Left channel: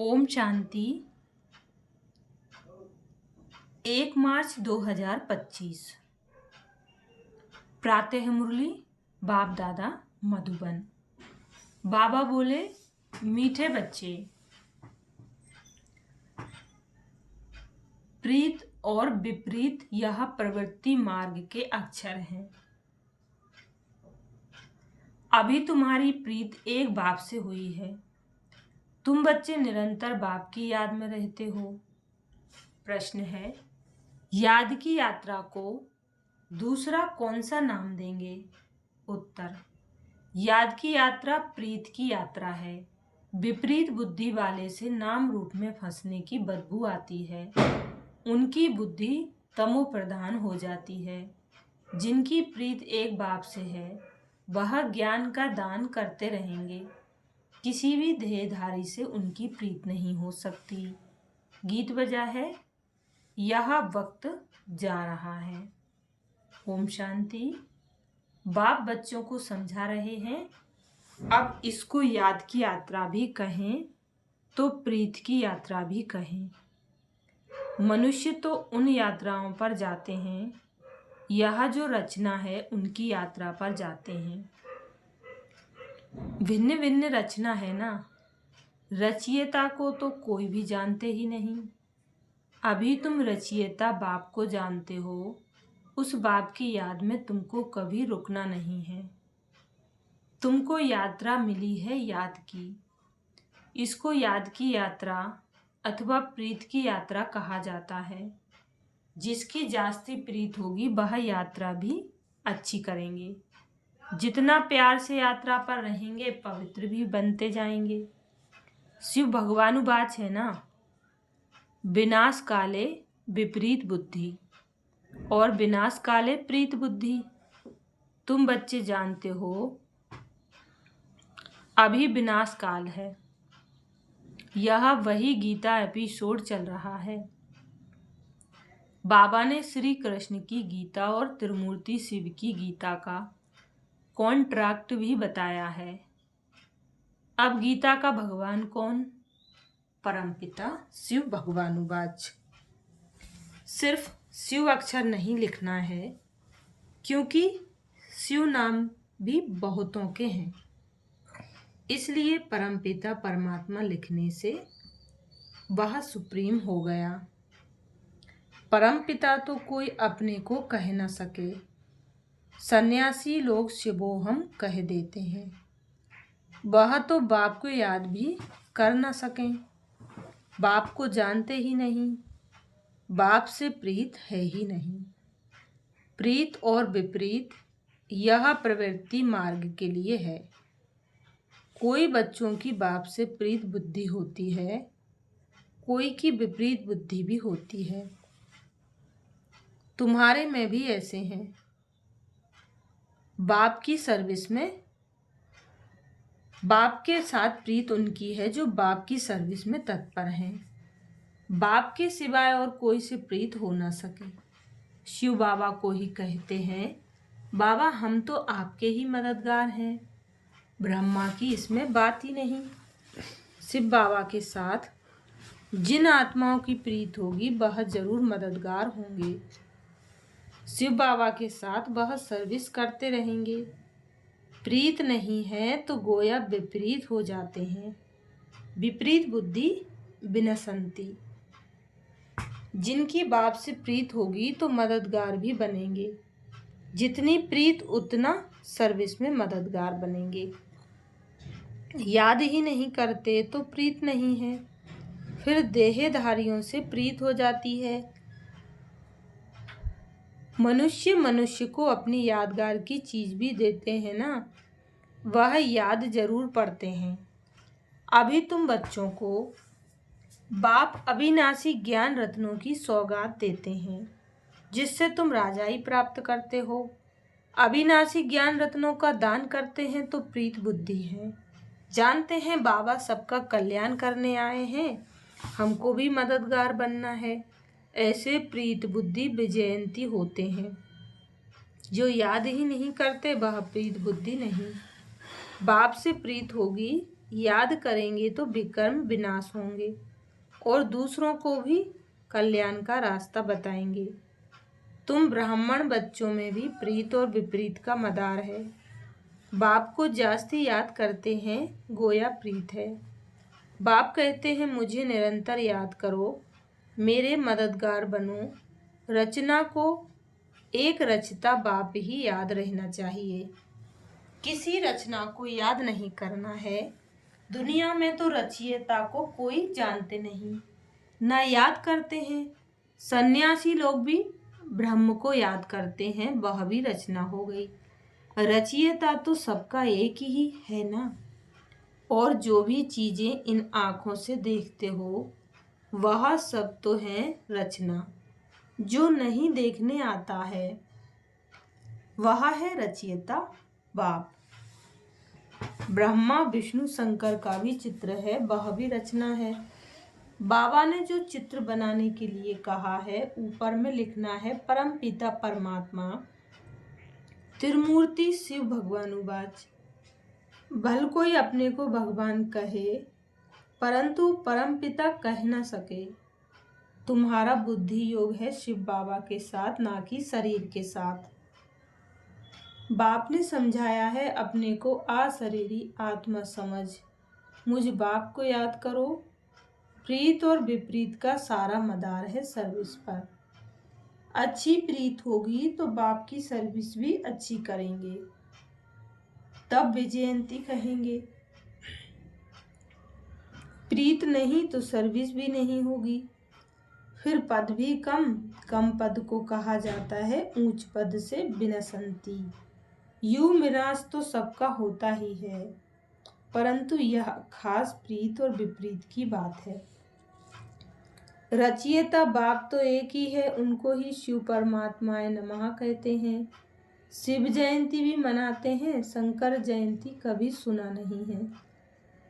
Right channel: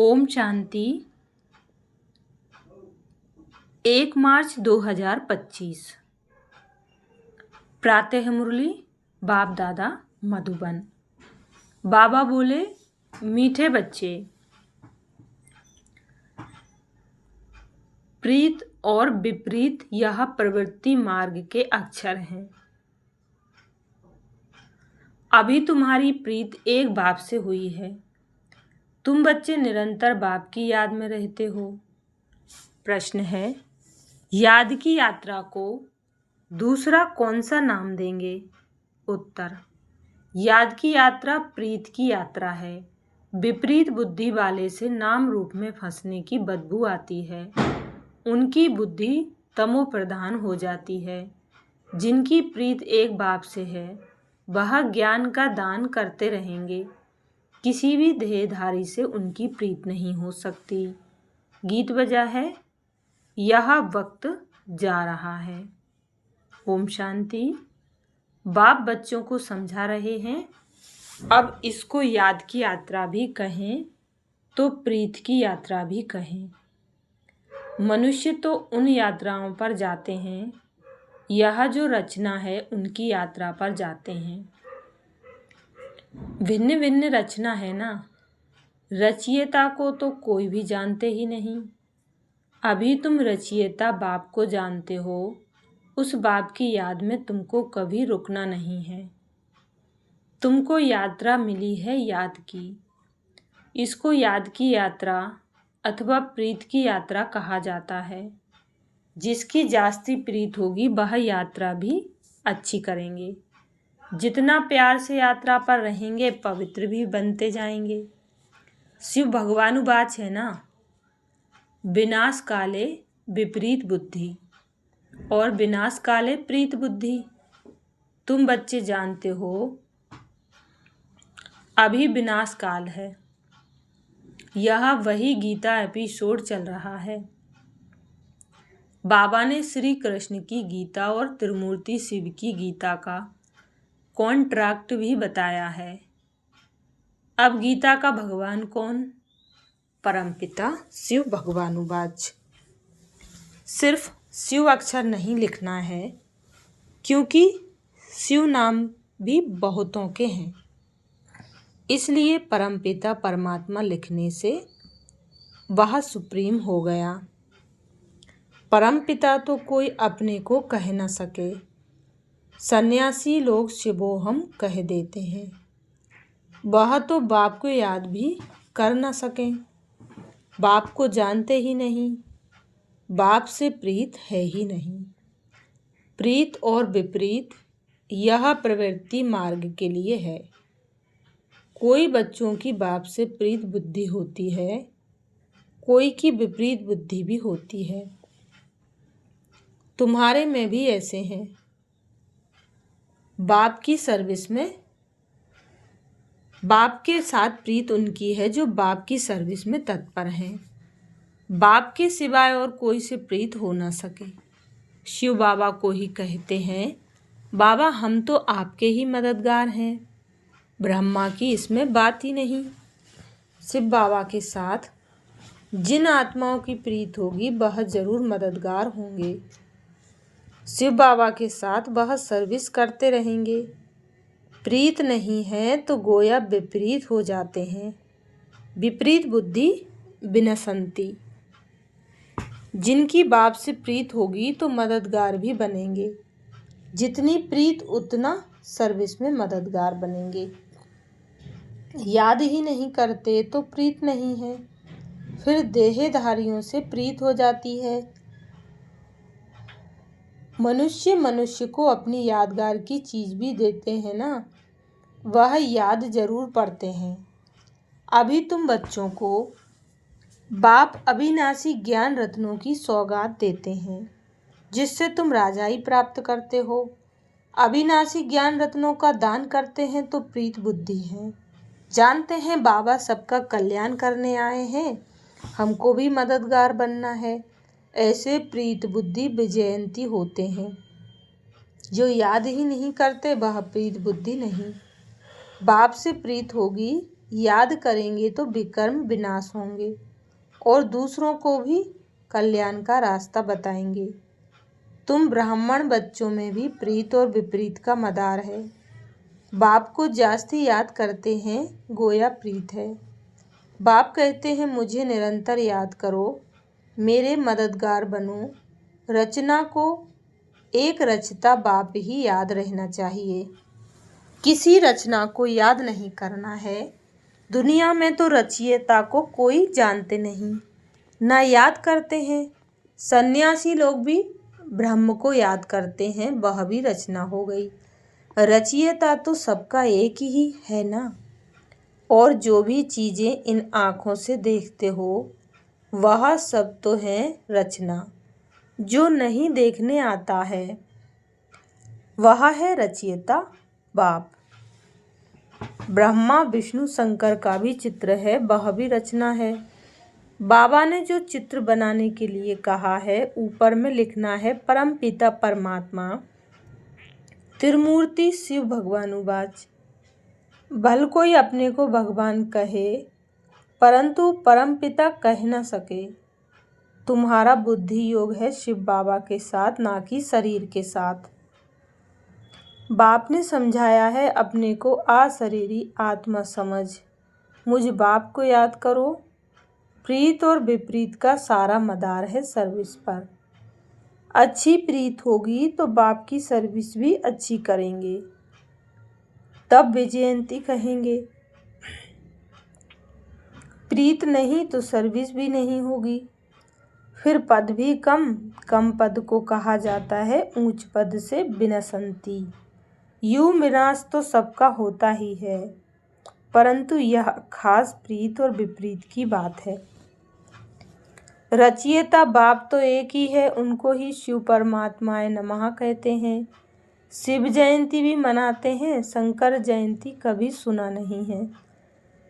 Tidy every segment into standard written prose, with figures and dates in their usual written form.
ओम शांति। 1 मार्च 2025। प्रातः मुरली बाप दादा मधुबन। बाबा बोले, मीठे बच्चे, प्रीत और विपरीत यह प्रवृत्ति मार्ग के अक्षर हैं। अभी तुम्हारी प्रीत एक बाप से हुई है। तुम बच्चे निरंतर बाप की याद में रहते हो। प्रश्न है, याद की यात्रा को दूसरा कौन सा नाम देंगे? उत्तर, याद की यात्रा प्रीत की यात्रा है। विपरीत बुद्धि वाले से नाम रूप में फंसने की बदबू आती है। उनकी बुद्धि तमो प्रधान हो जाती है। जिनकी प्रीत एक बाप से है वह ज्ञान का दान करते रहेंगे। किसी भी देहधारी से उनकी प्रीत नहीं हो सकती। गीत बजा है, यह वक्त जा रहा है। ओम शांति। बाप बच्चों को समझा रहे हैं। अब इसको याद की यात्रा भी कहें तो प्रीत की यात्रा भी कहें। मनुष्य तो उन यात्राओं पर जाते हैं, यह जो रचना है उनकी यात्रा पर जाते हैं। भिन्न भिन्न रचना है ना। रचयिता को तो कोई भी जानते ही नहीं। अभी तुम रचयिता बाप को जानते हो। उस बाप की याद में तुमको कभी रुकना नहीं है। तुमको यात्रा मिली है याद की। इसको याद की यात्रा अथवा प्रीत की यात्रा कहा जाता है। जिसकी जास्ती प्रीत होगी वह यात्रा भी अच्छी करेंगे। जितना प्यार से यात्रा पर रहेंगे पवित्र भी बनते जाएंगे। शिव भगवानुवाच है ना, विनाश काले विपरीत बुद्धि और विनाश काले प्रीत बुद्धि। तुम बच्चे जानते हो अभी विनाश काल है। यह वही गीता एपिसोड चल रहा है। बाबा ने श्री कृष्ण की गीता और त्रिमूर्ति शिव की गीता का कॉन्ट्रैक्ट भी बताया है। अब गीता का भगवान कौन? परमपिता शिव भगवानुवाच। सिर्फ शिव अक्षर नहीं लिखना है, क्योंकि शिव नाम भी बहुतों के हैं। इसलिए परमपिता परमात्मा लिखने से वह सुप्रीम हो गया। परमपिता तो कोई अपने को कह न सके। सन्यासी लोग शिवोहम कह देते हैं। वह तो बाप को याद भी कर न सकें। बाप को जानते ही नहीं। बाप से प्रीत है ही नहीं। प्रीत और विपरीत यह प्रवृत्ति मार्ग के लिए है। कोई बच्चों की बाप से प्रीत बुद्धि होती है, कोई की विपरीत बुद्धि भी होती है। तुम्हारे में भी ऐसे हैं। बाप की सर्विस में बाप के साथ प्रीत उनकी है जो बाप की सर्विस में तत्पर हैं। बाप के सिवाय और कोई से प्रीत हो ना सके। शिव बाबा को ही कहते हैं, बाबा हम तो आपके ही मददगार हैं। ब्रह्मा की इसमें बात ही नहीं। शिव बाबा के साथ जिन आत्माओं की प्रीत होगी वह जरूर मददगार होंगे। शिव बाबा के साथ वह सर्विस करते रहेंगे। प्रीत नहीं है तो गोया विपरीत हो जाते हैं। विपरीत बुद्धि विनशंति। जिनकी बाप से प्रीत होगी तो मददगार भी बनेंगे। जितनी प्रीत उतना सर्विस में मददगार बनेंगे। याद ही नहीं करते तो प्रीत नहीं है। फिर देहधारियों से प्रीत हो जाती है। मनुष्य को अपनी यादगार की चीज़ भी देते हैं ना, वह याद जरूर पड़ते हैं। अभी तुम बच्चों को बाप अविनाशी ज्ञान रत्नों की सौगात देते हैं, जिससे तुम राजाई प्राप्त करते हो। अविनाशी ज्ञान रत्नों का दान करते हैं तो प्रीत बुद्धि है। जानते हैं बाबा सबका कल्याण करने आए हैं, हमको भी मददगार बनना है। ऐसे प्रीत बुद्धि विजयंती होते हैं। जो याद ही नहीं करते वह प्रीत बुद्धि नहीं। बाप से प्रीत होगी याद करेंगे तो विकर्म विनाश होंगे और दूसरों को भी कल्याण का रास्ता बताएंगे। तुम ब्राह्मण बच्चों में भी प्रीत और विपरीत का मदार है। बाप को जास्ती याद करते हैं गोया प्रीत है। बाप कहते हैं मुझे निरंतर याद करो, मेरे मददगार बनो। रचना को एक रचता बाप ही याद रहना चाहिए, किसी रचना को याद नहीं करना है। दुनिया में तो रचयिता को कोई जानते नहीं, ना याद करते हैं। सन्यासी लोग भी ब्रह्म को याद करते हैं, वह भी रचना हो गई। रचयिता तो सबका एक ही है ना। और जो भी चीज़ें इन आँखों से देखते हो वह सब तो है रचना। जो नहीं देखने आता है वह है रचयिता बाप। ब्रह्मा विष्णु शंकर का भी चित्र है, वह भी रचना है। बाबा ने जो चित्र बनाने के लिए कहा है ऊपर में लिखना है परम पिता परमात्मा त्रिमूर्ति शिव भगवानुवाच। भल कोई अपने को भगवान कहे परंतु परम पिता कह न सके। तुम्हारा बुद्धि योग है शिव बाबा के साथ, ना कि शरीर के साथ। बाप ने समझाया है अपने को अशरीरी आत्मा समझ। मुझ बाप को याद करो। प्रीत और विपरीत का सारा मदार है सर्विस पर। अच्छी प्रीत होगी तो बाप की सर्विस भी अच्छी करेंगे, तब विजयंती कहेंगे। प्रीत नहीं तो सर्विस भी नहीं होगी, फिर पद भी कम। कम पद को कहा जाता है ऊंच पद से विनशंति। यूं विनाश तो सबका होता ही है, परंतु यह खास प्रीत और विपरीत की बात है। रचयिता बाप तो एक ही है, उनको ही शिव परमात्माए नमः कहते हैं। शिव जयंती भी मनाते हैं, शंकर जयंती कभी सुना नहीं है।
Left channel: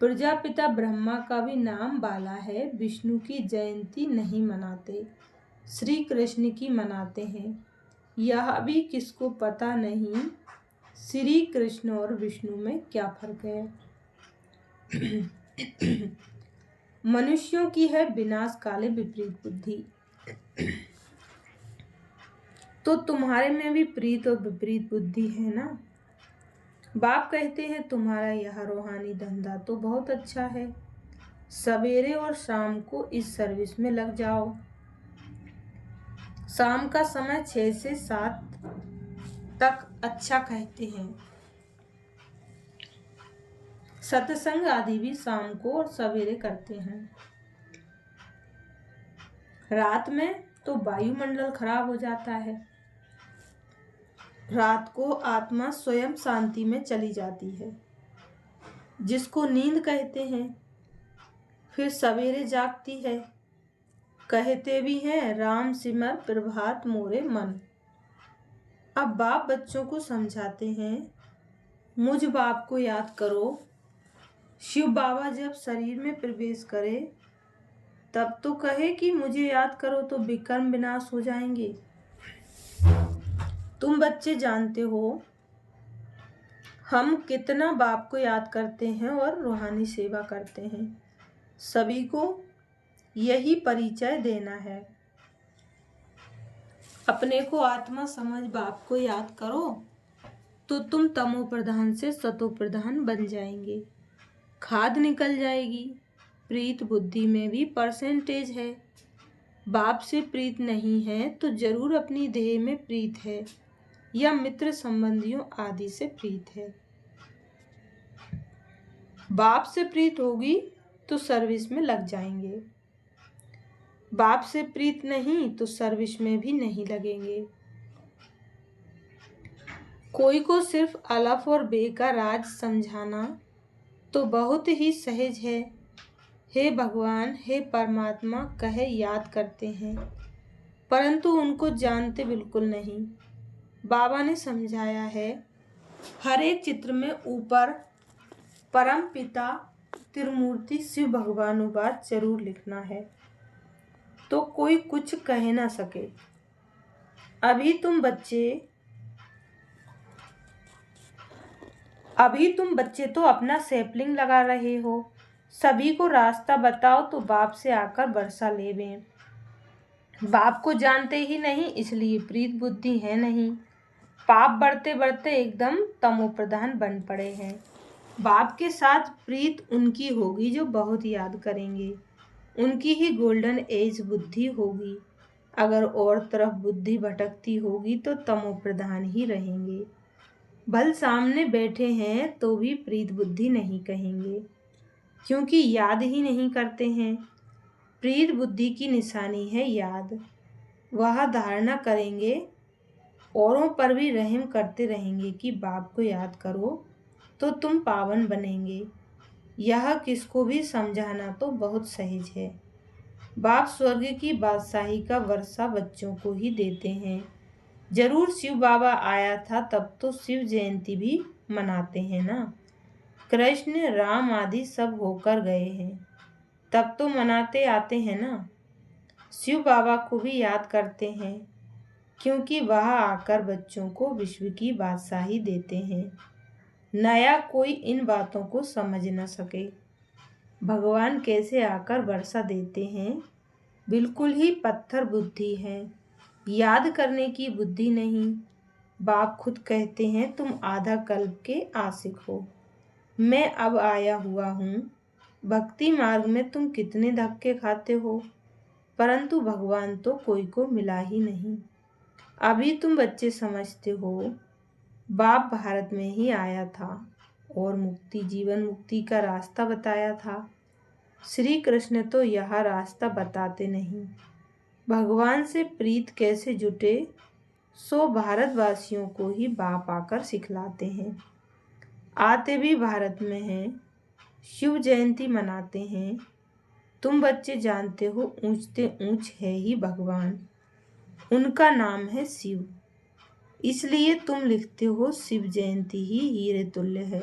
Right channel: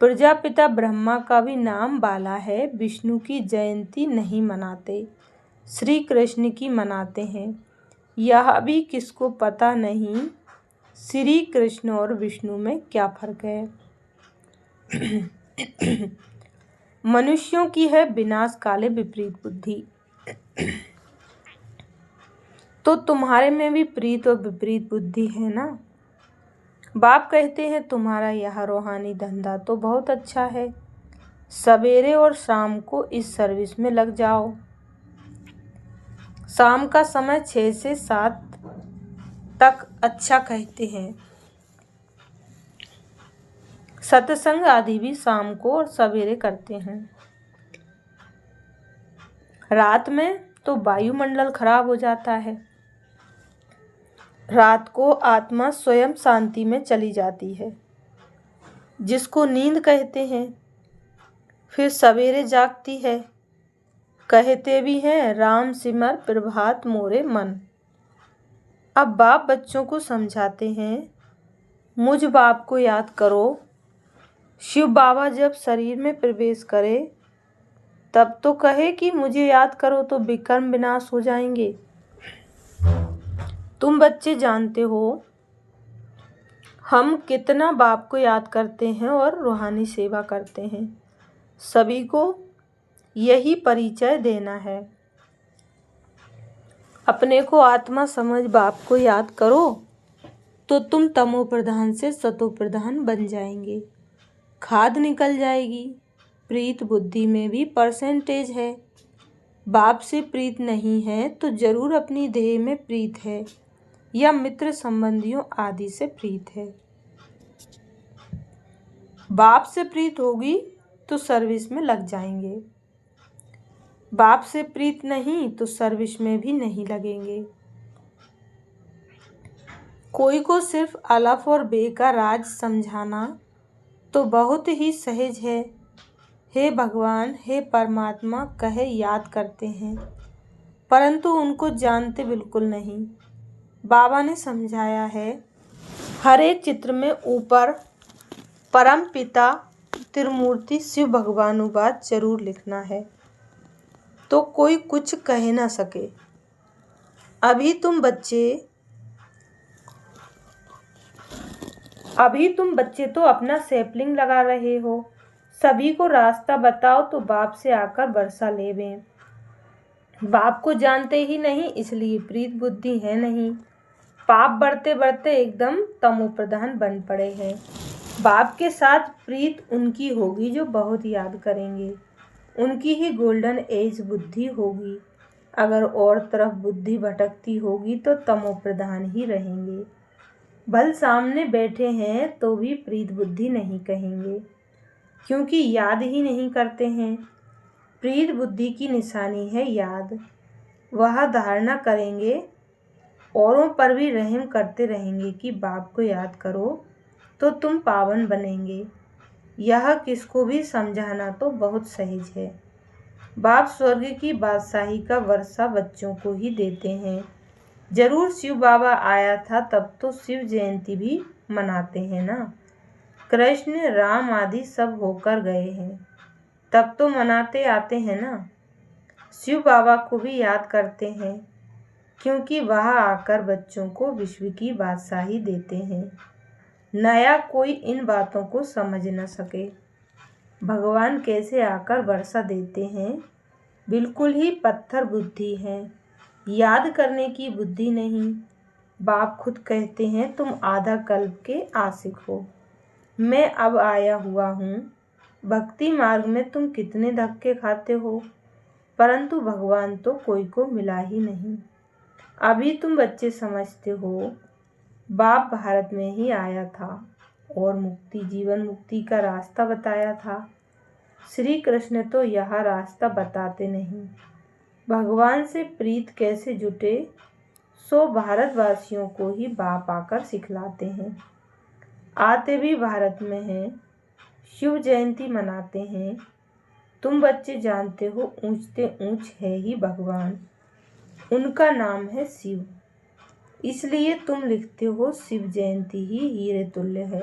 प्रजापिता ब्रह्मा का भी नाम बाला है, विष्णु की जयंती नहीं मनाते, श्री कृष्ण की मनाते हैं। यह भी किसको पता नहीं श्री कृष्ण और विष्णु में क्या फर्क है। मनुष्यों की है विनाश काले विपरीत बुद्धि। तो तुम्हारे में भी प्रीत और विपरीत बुद्धि है ना। बाप कहते हैं तुम्हारा यह रूहानी धंधा तो बहुत अच्छा है, सवेरे और शाम को इस सर्विस में लग जाओ। शाम का समय 6 से 7 तक अच्छा कहते हैं। सत्संग आदि भी शाम को और सवेरे करते हैं। रात में तो वायुमंडल खराब हो जाता है। रात को आत्मा स्वयं शांति में चली जाती है, जिसको नींद कहते हैं। फिर सवेरे जागती है। कहते भी हैं राम सिमर प्रभात मोरे मन। अब बाप बच्चों को समझाते हैं मुझ बाप को याद करो। शिव बाबा जब शरीर में प्रवेश करे तब तो कहे कि मुझे याद करो तो विकर्म विनाश हो जाएंगे। तुम बच्चे जानते हो हम कितना बाप को याद करते हैं और रूहानी सेवा करते हैं। सभी को यही परिचय देना है। अपने को आत्मा समझ बाप को याद करो तो तुम तमो प्रधान से सतो प्रधान बन जाएंगे, खाद निकल जाएगी। प्रीत बुद्धि में भी परसेंटेज है। बाप से प्रीत नहीं है तो जरूर अपनी देह में प्रीत है या मित्र संबंधियों आदि से प्रीत है। बाप से प्रीत होगी तो सर्विस में लग जाएंगे, बाप से प्रीत नहीं तो सर्विस में भी नहीं लगेंगे। कोई को सिर्फ अलफ और बे का राज समझाना तो बहुत ही सहज है। हे भगवान हे परमात्मा कहे याद करते हैं, परंतु उनको जानते बिल्कुल नहीं। बाबा ने समझाया है हर एक चित्र में ऊपर परम पिता त्रिमूर्ति शिव भगवानुवाच जरूर लिखना है, तो कोई कुछ कह ना सके। अभी तुम बच्चे अभी तुम बच्चे तो अपना सैपलिंग लगा रहे हो, सभी को रास्ता बताओ तो बाप से आकर वर्षा लेवें। बाप को जानते ही नहीं इसलिए प्रीत बुद्धि है नहीं। पाप बढ़ते बढ़ते एकदम तमोप्रधान बन पड़े हैं। बाप के साथ प्रीत उनकी होगी जो बहुत याद करेंगे, उनकी ही गोल्डन एज बुद्धि होगी। अगर और तरफ बुद्धि भटकती होगी तो तमोप्रधान ही रहेंगे। भल सामने बैठे हैं तो भी प्रीत बुद्धि नहीं कहेंगे, क्योंकि याद ही नहीं करते हैं। प्रीत बुद्धि की निशानी है याद। वह धारणा करेंगे, औरों पर भी रहम करते रहेंगे कि बाप को याद करो तो तुम पावन बनेंगे। यह किसको भी समझाना तो बहुत सहज है। बाप स्वर्ग की बादशाही का वर्षा बच्चों को ही देते हैं। जरूर शिव बाबा आया था तब तो शिव जयंती भी मनाते हैं ना। कृष्ण राम आदि सब होकर गए हैं तब तो मनाते आते हैं ना। शिव बाबा को भी याद करते हैं, क्योंकि वह आकर बच्चों को विश्व की बादशाही देते हैं। नया कोई इन बातों को समझ न सके। भगवान कैसे आकर वर्षा देते हैं, बिल्कुल ही पत्थर बुद्धि है, याद करने की बुद्धि नहीं। बाप खुद कहते हैं तुम आधा कल्प के आशिक हो, मैं अब आया हुआ हूँ। भक्ति मार्ग में तुम कितने धक्के खाते हो, परंतु भगवान तो कोई को मिला ही नहीं। अभी तुम बच्चे समझते हो बाप भारत में ही आया था और मुक्ति जीवन मुक्ति का रास्ता बताया था। श्री कृष्ण तो यह रास्ता बताते नहीं। भगवान से प्रीत कैसे जुटे सो भारतवासियों को ही बाप आकर सिखलाते हैं। आते भी भारत में हैं, शिव जयंती मनाते हैं। तुम बच्चे जानते हो ऊंचते ऊंच है ही भगवान, उनका नाम है शिव। इसलिए तुम लिखते हो शिव जयंती ही हीरे तुल्य है,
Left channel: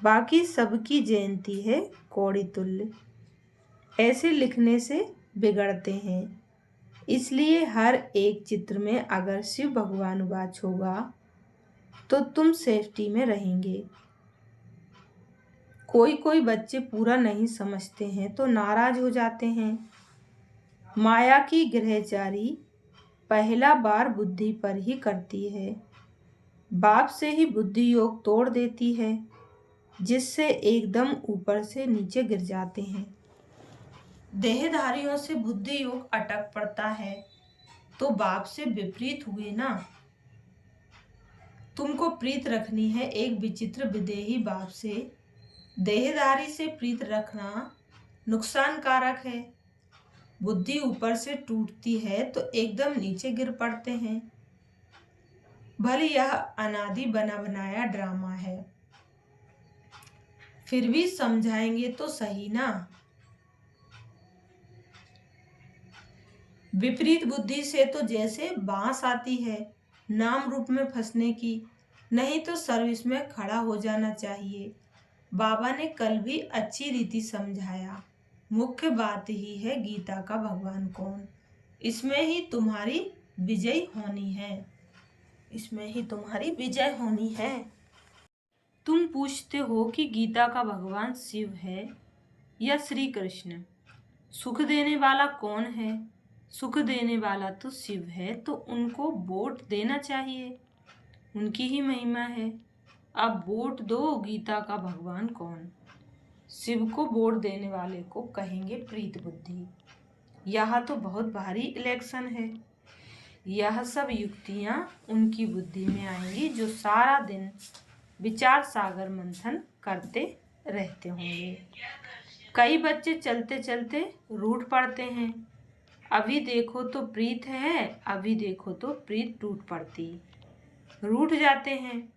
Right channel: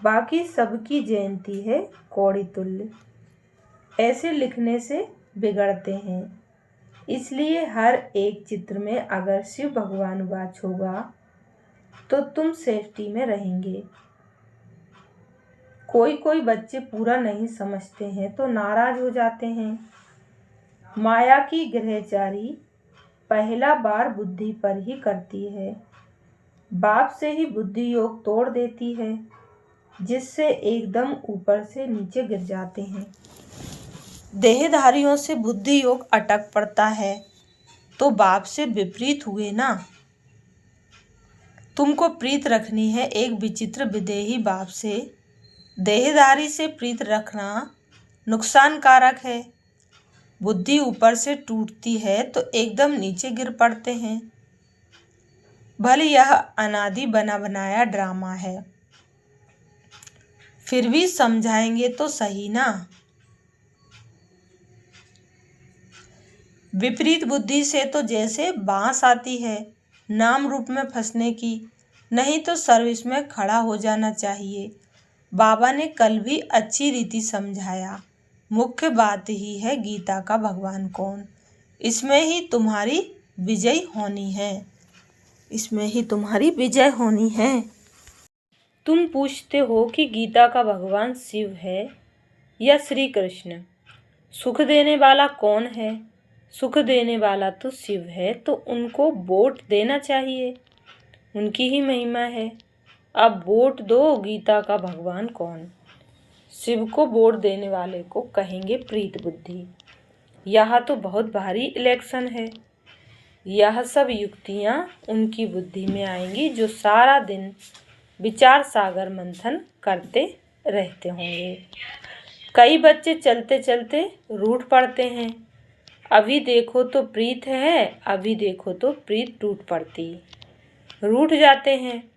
बाकी सबकी जयंती है कौड़ी तुल्य। ऐसे लिखने से बिगड़ते हैं। इसलिए हर एक चित्र में अगर शिव भगवान वाच होगा तो तुम सेफ्टी में रहेंगे। कोई कोई बच्चे पूरा नहीं समझते हैं तो नाराज हो जाते हैं। माया की ग्रहचारी पहला बार बुद्धि पर ही करती है, बाप से ही बुद्धि योग तोड़ देती है, जिससे एकदम ऊपर से नीचे गिर जाते हैं। देहधारियों से बुद्धि योग अटक पड़ता है तो बाप से विपरीत हुए ना। तुमको प्रीत रखनी है एक विचित्र विदेही बाप से। देहधारी से प्रीत रखना नुकसानकारक है। बुद्धि ऊपर से टूटती है तो एकदम नीचे गिर पड़ते हैं। भले यह अनादि बना बनाया ड्रामा है, फिर भी समझाएंगे तो सही ना। विपरीत बुद्धि से तो जैसे बांस आती है नाम रूप में फंसने की, नहीं तो सर्विस में खड़ा हो जाना चाहिए। बाबा ने कल भी अच्छी रीति समझाया। मुख्य बात ही है गीता का भगवान कौन, इसमें ही तुम्हारी विजय होनी है, इसमें ही तुम्हारी विजय होनी है। तुम पूछते हो कि गीता का भगवान शिव है या श्री कृष्ण, सुख देने वाला कौन है। सुख देने वाला तो शिव है, तो उनको वोट देना चाहिए, उनकी ही महिमा है। अब वोट दो गीता का भगवान कौन। शिव को वोट देने वाले को कहेंगे प्रीत बुद्धि। यह तो बहुत भारी इलेक्शन है। यह सब युक्तियाँ उनकी बुद्धि में आएंगी जो सारा दिन विचार सागर मंथन करते रहते होंगे। कई बच्चे चलते चलते रूठ पड़ते हैं। अभी देखो तो प्रीत है, अभी देखो तो प्रीत टूट पड़ती, रूठ जाते हैं।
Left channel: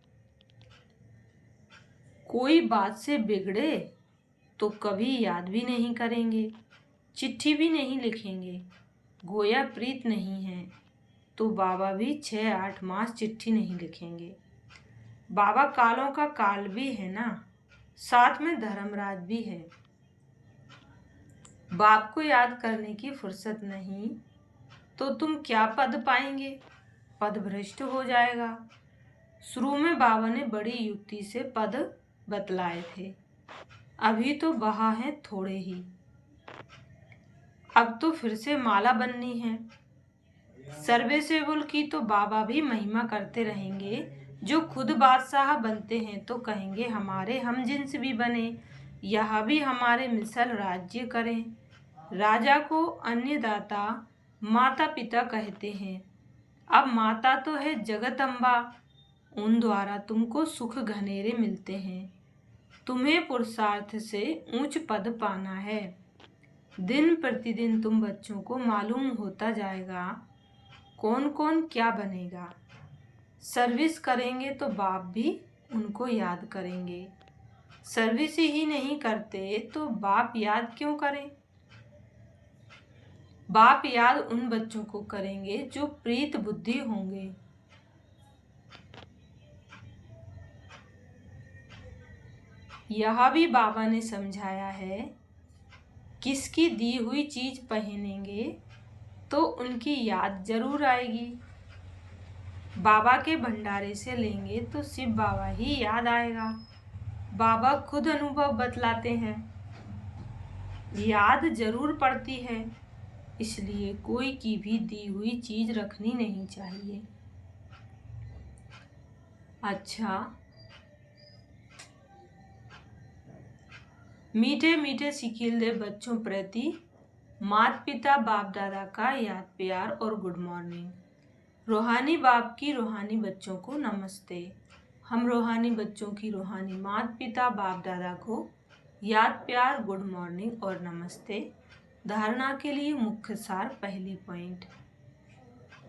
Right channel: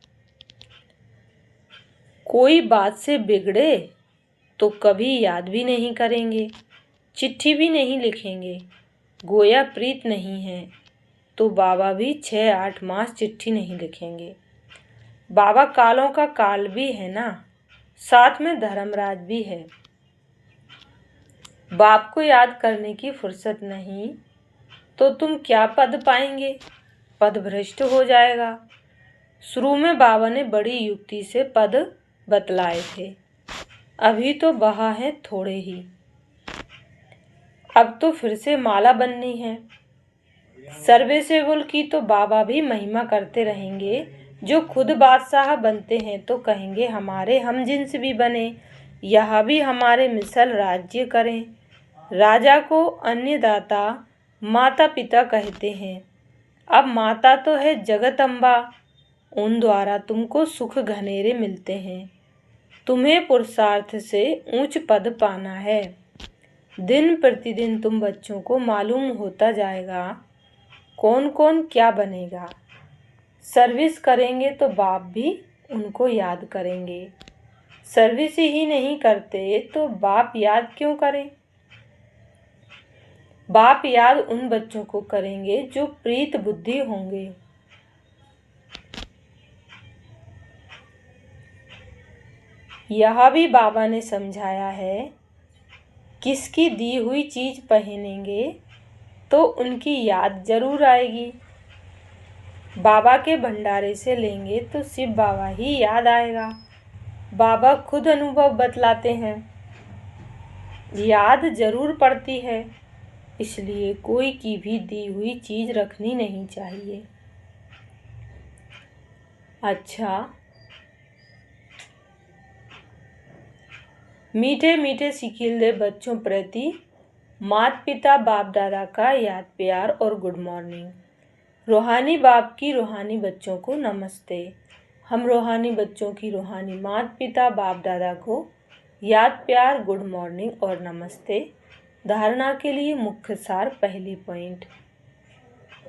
कोई बात से बिगड़े तो कभी याद भी नहीं करेंगे, चिट्ठी भी नहीं लिखेंगे। गोया प्रीत नहीं है तो बाबा भी 6-8 मास चिट्ठी नहीं लिखेंगे। बाबा कालों का काल भी है ना, साथ में धर्मराज भी है। बाप को याद करने की फुर्सत नहीं तो तुम क्या पद पाएंगे, पद भ्रष्ट हो जाएगा। शुरू में बाबा ने बड़ी युक्ति से पद बतलाए थे, अभी तो बहा है थोड़े ही, अब तो फिर से माला बननी है। सर्विसेबल की तो बाबा भी महिमा करते रहेंगे। जो खुद बादशाह बनते हैं तो कहेंगे हमारे हम जिन्स भी बने, यह भी हमारे मिसल राज्य करें। राजा को अन्नदाता माता पिता कहते हैं, अब माता तो है जगत अम्बा, उन द्वारा तुमको सुख घनेरे मिलते हैं। तुम्हें पुरुषार्थ से ऊंच पद पाना है। दिन प्रतिदिन तुम बच्चों को मालूम होता जाएगा कौन कौन क्या बनेगा। सर्विस करेंगे तो बाप भी उनको याद करेंगे, सर्विस ही नहीं करते तो बाप याद क्यों करें। बाप याद उन बच्चों को करेंगे जो प्रीत बुद्धि होंगे। यह भी बाबा ने समझाया है, किसकी दी हुई चीज पहनेंगे तो उनकी याद जरूर आएगी। बाबा के भंडारे से लेंगे तो शिव बाबा ही याद आएगा। बाबा खुद अनुभव बतलाते हैं, याद जरूर पड़ती है, इसलिए कोई की भी दी हुई चीज रखनी नहीं चाहिए। अच्छा, मीठे मीठे सिखिलदे बच्चों प्रति माता पिता बाप दादा का याद प्यार और गुड मॉर्निंग। रूहानी बाप की रूहानी बच्चों को नमस्ते। हम रूहानी बच्चों की रूहानी माता पिता बाप दादा को याद प्यार गुड मॉर्निंग और नमस्ते। धारणा के लिए मुख्य सार। पहली पॉइंट,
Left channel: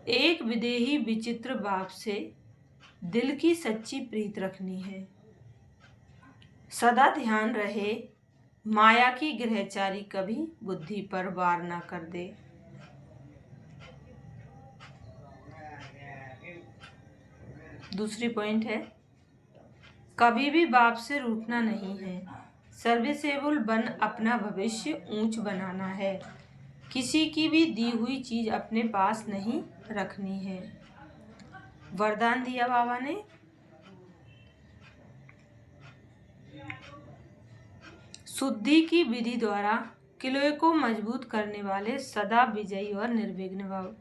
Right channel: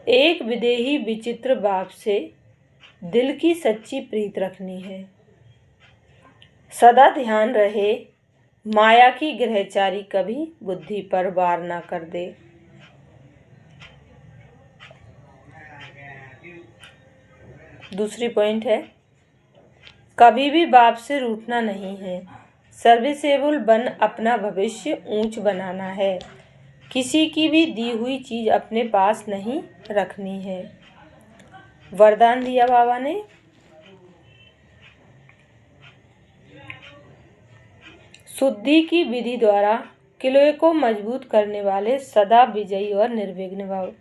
एक विदेही विचित्र बाप से दिल की सच्ची प्रीत रखनी है। सदा ध्यान रहे, माया की ग्रहचारी कभी बुद्धि पर वार ना कर दे। दूसरी पॉइंट है, कभी भी बाप से रूठना नहीं है। सर्विसेबल बन अपना भविष्य ऊंच बनाना है। किसी की भी दी हुई चीज अपने पास नहीं रखनी है। वरदान दिया बाबा ने, शुद्धि की विधि द्वारा किले को मजबूत करने वाले सदा विजयी और निर्विघ्न भव।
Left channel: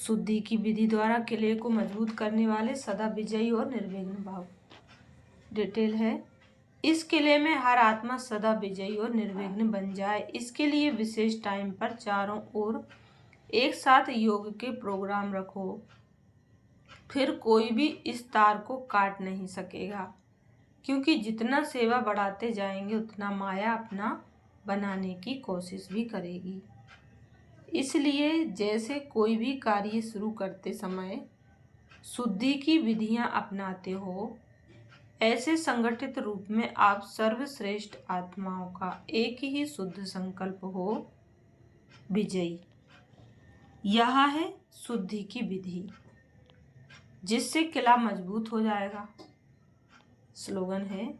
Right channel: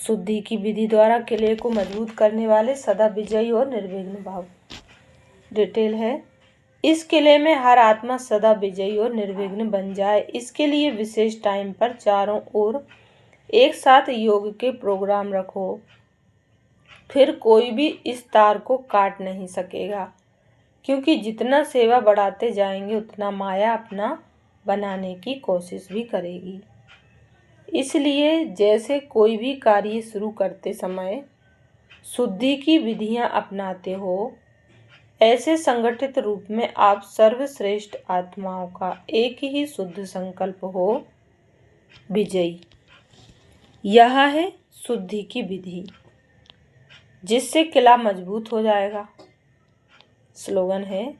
शुद्धि की विधि द्वारा किले को मजबूत करने वाले सदा विजयी और निर्विघ्न भाव। डिटेल है, इस किले में हर आत्मा सदा विजयी और निर्विघ्न बन जाए, इसके लिए विशेष टाइम पर चारों ओर एक साथ योग के प्रोग्राम रखो, फिर कोई भी इस तार को काट नहीं सकेगा, क्योंकि जितना सेवा बढ़ाते जाएंगे उतना माया अपना बनाने की कोशिश भी करेगी। इसलिए जैसे कोई भी कार्य शुरू करते समय शुद्धि की विधियां अपनाते हो, ऐसे संगठित रूप में आप सर्वश्रेष्ठ आत्माओं का एक ही शुद्ध संकल्प हो, विजयी। यह है शुद्धि की विधि, जिससे किला मजबूत हो जाएगा। स्लोगन है,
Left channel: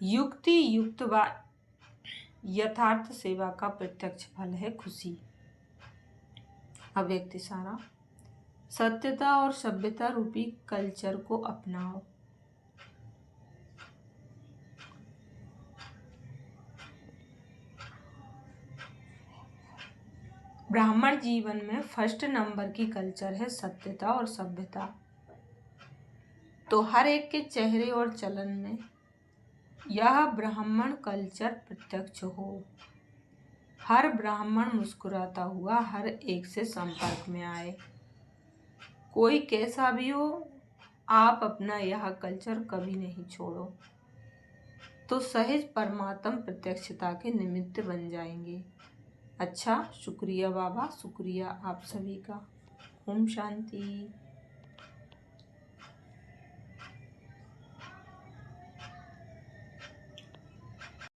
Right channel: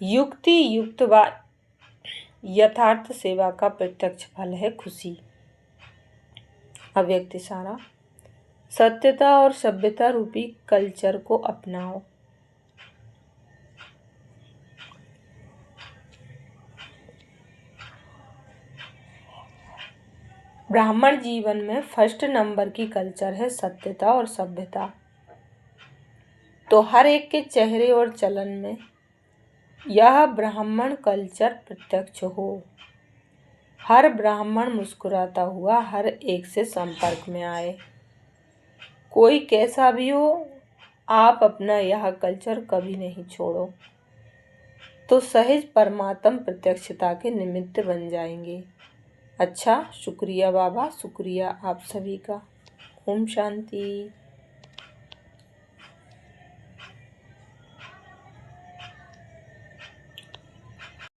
युक्ति युक्त व यथार्थ सेवा का प्रत्यक्ष फल है खुशी। अव्यक्त इशारा, सत्यता और सभ्यता रूपी कल्चर को अपनाओ। ब्राह्मण जीवन में फर्स्ट नंबर की कल्चर है सत्यता और सभ्यता। तो हर एक के चेहरे और चलन में यह ब्राह्मण कल्चर प्रत्यक्ष हो। हर ब्राह्मण मुस्कुराता हुआ हर एक से संपर्क में आए। कोई कैसा भी हो, आप अपना यह कल्चर कभी नहीं छोड़ो, तो सहज परमात्म प्रत्यक्षता के निमित्त बन जाएंगे। अच्छा, शुक्रिया बाबा, शुक्रिया आप सभी का। ओम शांति।